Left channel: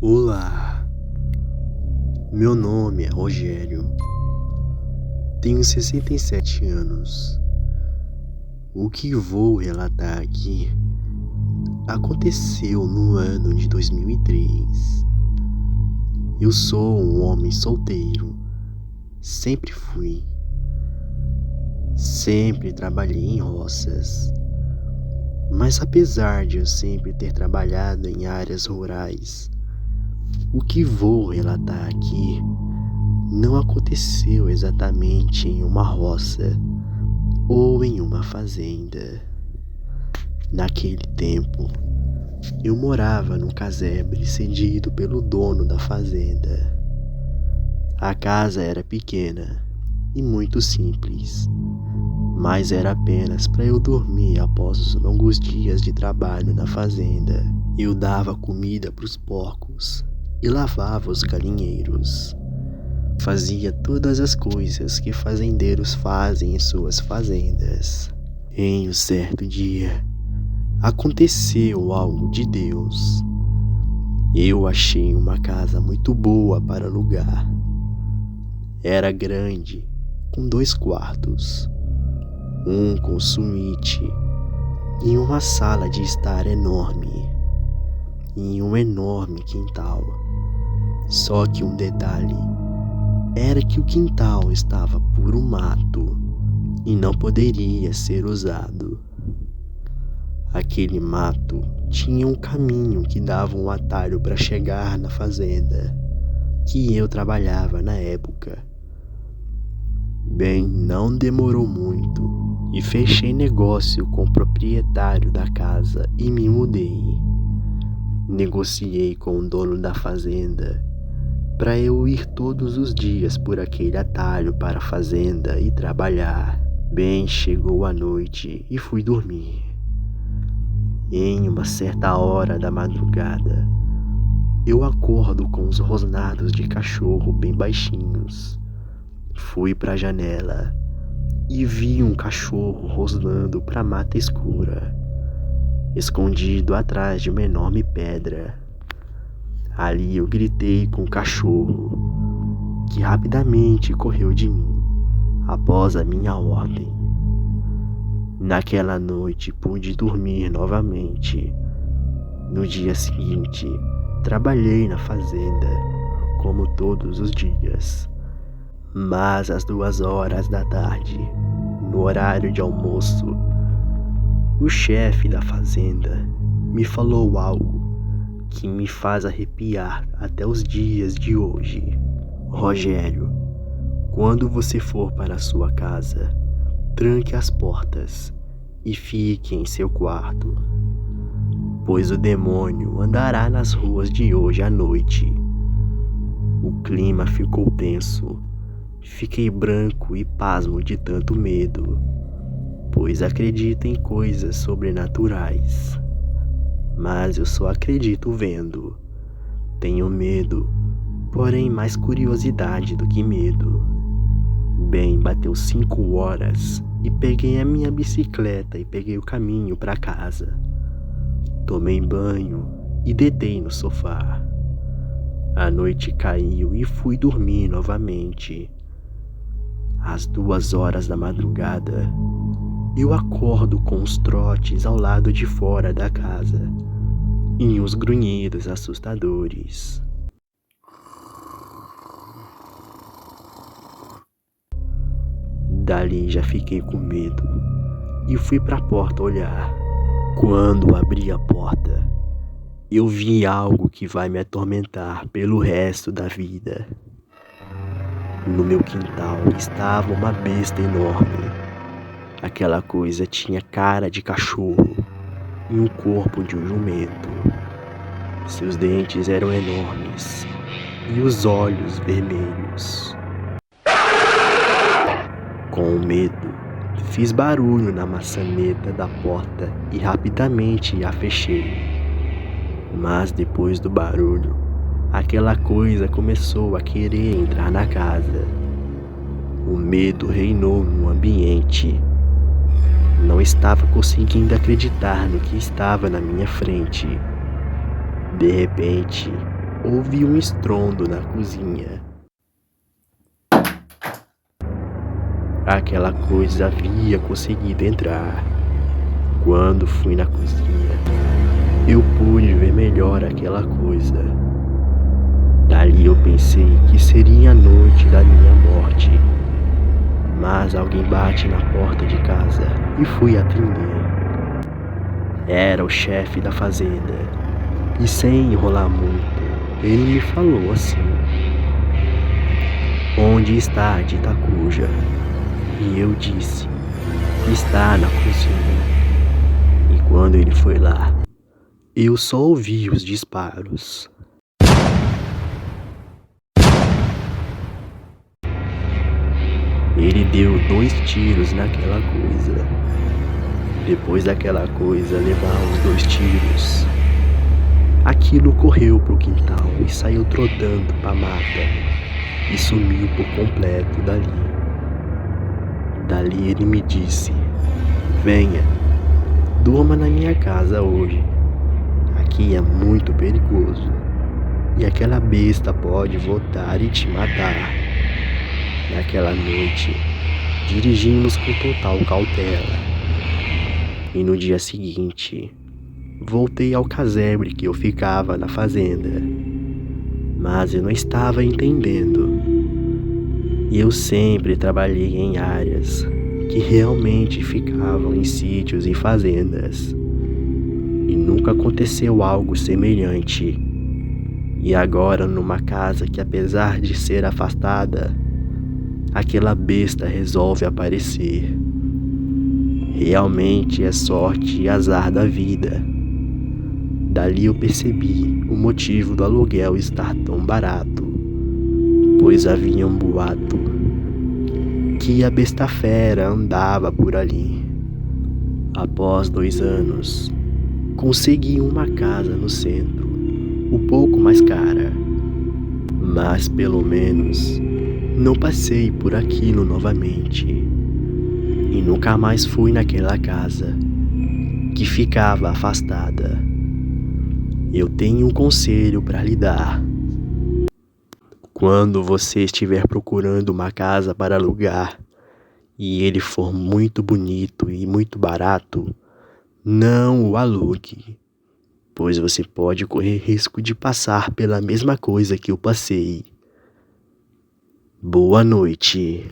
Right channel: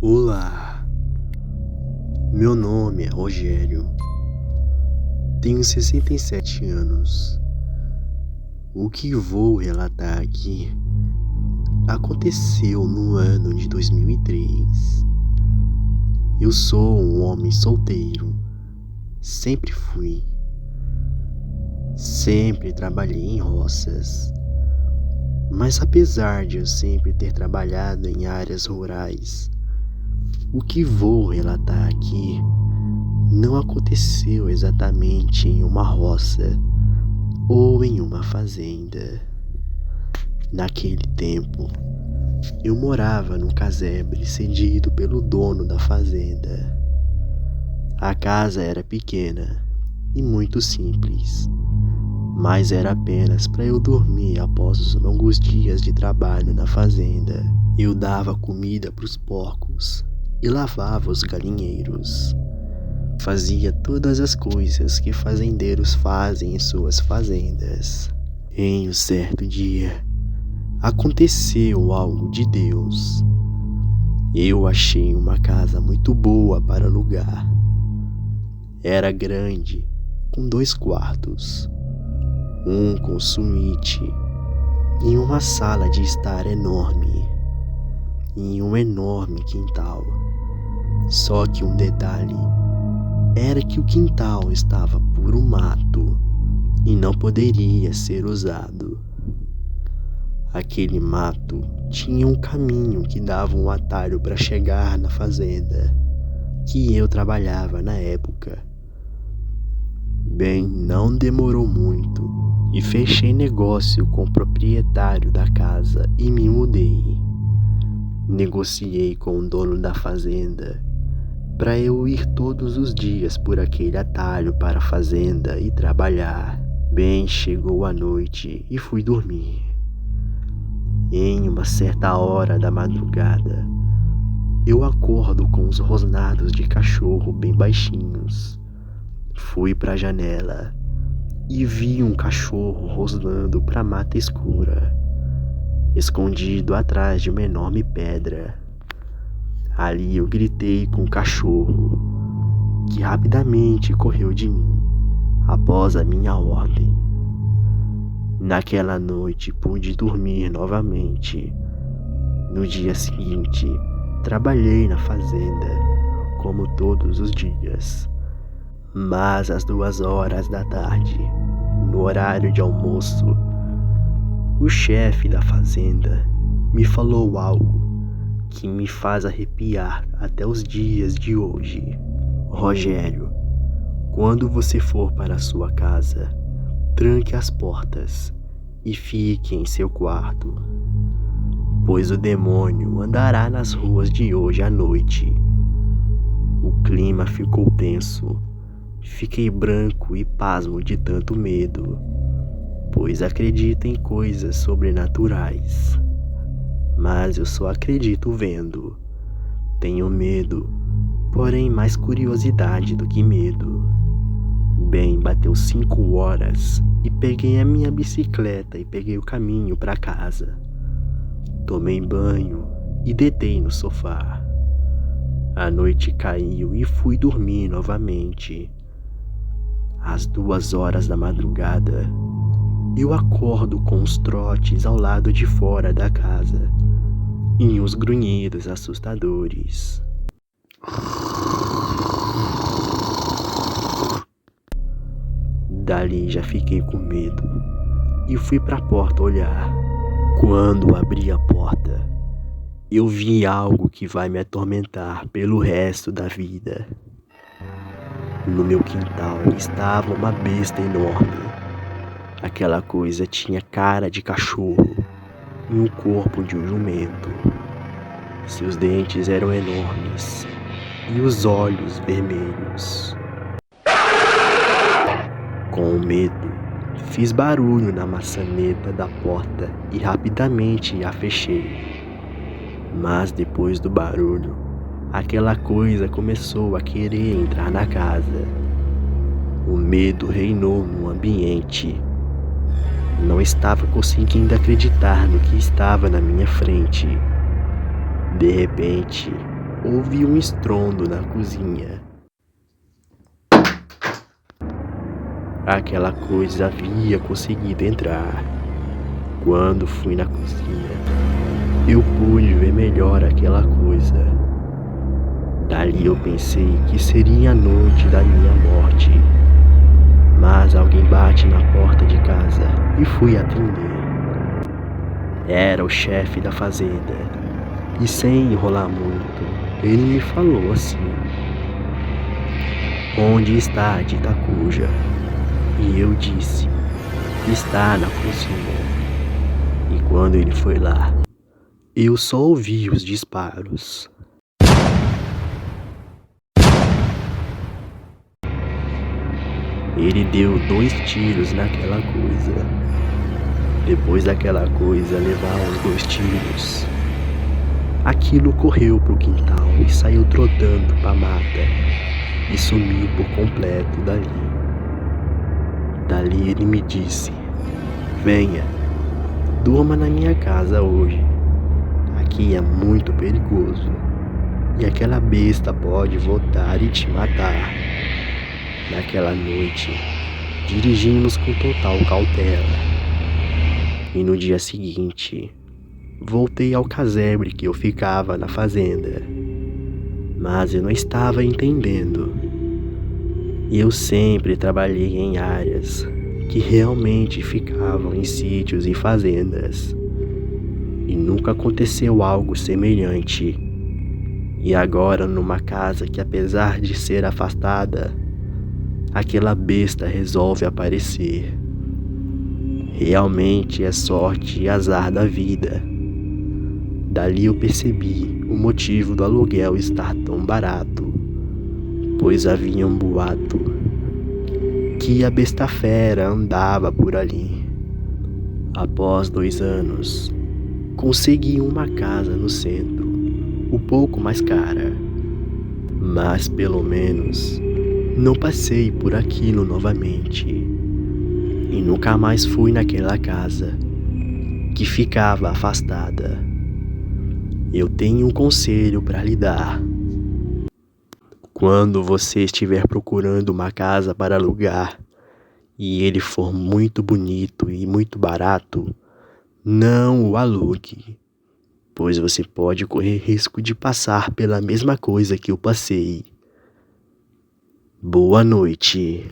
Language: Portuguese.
Olá, meu nome é Rogério, tenho 67 anos. O que vou relatar aqui aconteceu no ano de 2003. Eu sou um homem solteiro, sempre fui. Sempre trabalhei em roças, mas apesar de eu sempre ter trabalhado em áreas rurais, o que vou relatar aqui não aconteceu exatamente em uma roça ou em uma fazenda. Naquele tempo, eu morava num casebre cedido pelo dono da fazenda. A casa era pequena e muito simples, mas era apenas para eu dormir após os longos dias de trabalho na fazenda. Eu dava comida para os porcos e lavava os galinheiros. Fazia todas as coisas que fazendeiros fazem em suas fazendas. Em um certo dia, aconteceu algo de Deus. Eu achei uma casa muito boa para alugar. Era grande, com 2 quartos, um com suíte e uma sala de estar enorme, e um enorme quintal. Só que um detalhe era que o quintal estava puro mato e não poderia ser usado. Aquele mato tinha um caminho que dava um atalho para chegar na fazenda que eu trabalhava na época. Bem, não demorou muito e fechei negócio com o proprietário da casa e me mudei. Negociei com o dono da fazenda para eu ir todos os dias por aquele atalho para a fazenda e trabalhar. Bem, chegou a noite e fui dormir. Em uma certa hora da madrugada, eu acordo com os rosnados de cachorro bem baixinhos. Fui para a janela e vi um cachorro rosnando para a mata escura, escondido atrás de uma enorme pedra. Ali eu gritei com o cachorro, que rapidamente correu de mim, após a minha ordem. Naquela noite pude dormir novamente. No dia seguinte, trabalhei na fazenda, como todos os dias. Mas às 2 horas da tarde, no horário de almoço, o chefe da fazenda me falou algo que me faz arrepiar até os dias de hoje. Rogério, quando você for para a sua casa, tranque as portas e fique em seu quarto, pois o demônio andará nas ruas de hoje à noite. O clima ficou tenso. Fiquei branco e pasmo de tanto medo, pois acredito em coisas sobrenaturais. Mas eu só acredito vendo. Tenho medo, porém mais curiosidade do que medo. Bem, bateu 5 horas e peguei a minha bicicleta e peguei o caminho para casa. Tomei banho e deitei no sofá. A noite caiu e fui dormir novamente. Às 2 horas da madrugada, eu acordo com os trotes ao lado de fora da casa e uns grunhidos assustadores. Dali já fiquei com medo e fui para a porta olhar. Quando abri a porta, eu vi algo que vai me atormentar pelo resto da vida. No meu quintal estava uma besta enorme. Aquela coisa tinha cara de cachorro e o corpo de um jumento. Seus dentes eram enormes e os olhos vermelhos. Com medo, fiz barulho na maçaneta da porta e rapidamente a fechei. Mas depois do barulho, aquela coisa começou a querer entrar na casa. O medo reinou no ambiente. Não estava conseguindo acreditar no que estava na minha frente. De repente, ouvi um estrondo na cozinha. Aquela coisa havia conseguido entrar. Quando fui na cozinha, eu pude ver melhor aquela coisa. Dali eu pensei que seria a noite da minha morte. Mas alguém bate na porta de casa e fui atender. Era o chefe da fazenda. E sem enrolar muito, ele me falou assim: "Onde está a Tita Cuja?" E eu disse: "Está na cozinha." E quando ele foi lá, eu só ouvi os disparos. Ele deu 2 tiros naquela coisa. Depois daquela coisa levar os 2 tiros, aquilo correu pro quintal e saiu trotando pra mata e sumiu por completo dali. Dali ele me disse: "Venha, durma na minha casa hoje. Aqui é muito perigoso e aquela besta pode voltar e te matar." Naquela noite, dirigimos com total cautela. E no dia seguinte, voltei ao casebre que eu ficava na fazenda. Mas eu não estava entendendo. E eu sempre trabalhei em áreas que realmente ficavam em sítios e fazendas. E nunca aconteceu algo semelhante. E agora numa casa que, apesar de ser afastada, aquela besta resolve aparecer. Realmente é sorte e azar da vida. Dali eu percebi o motivo do aluguel estar tão barato, pois havia um boato que a besta fera andava por ali. Após 2 anos, consegui uma casa no centro, um pouco mais cara, mas pelo menos não passei por aquilo novamente e nunca mais fui naquela casa que ficava afastada. Eu tenho um conselho para lhe dar. Quando você estiver procurando uma casa para alugar e ele for muito bonito e muito barato, não o alugue, pois você pode correr risco de passar pela mesma coisa que eu passei. Boa noite.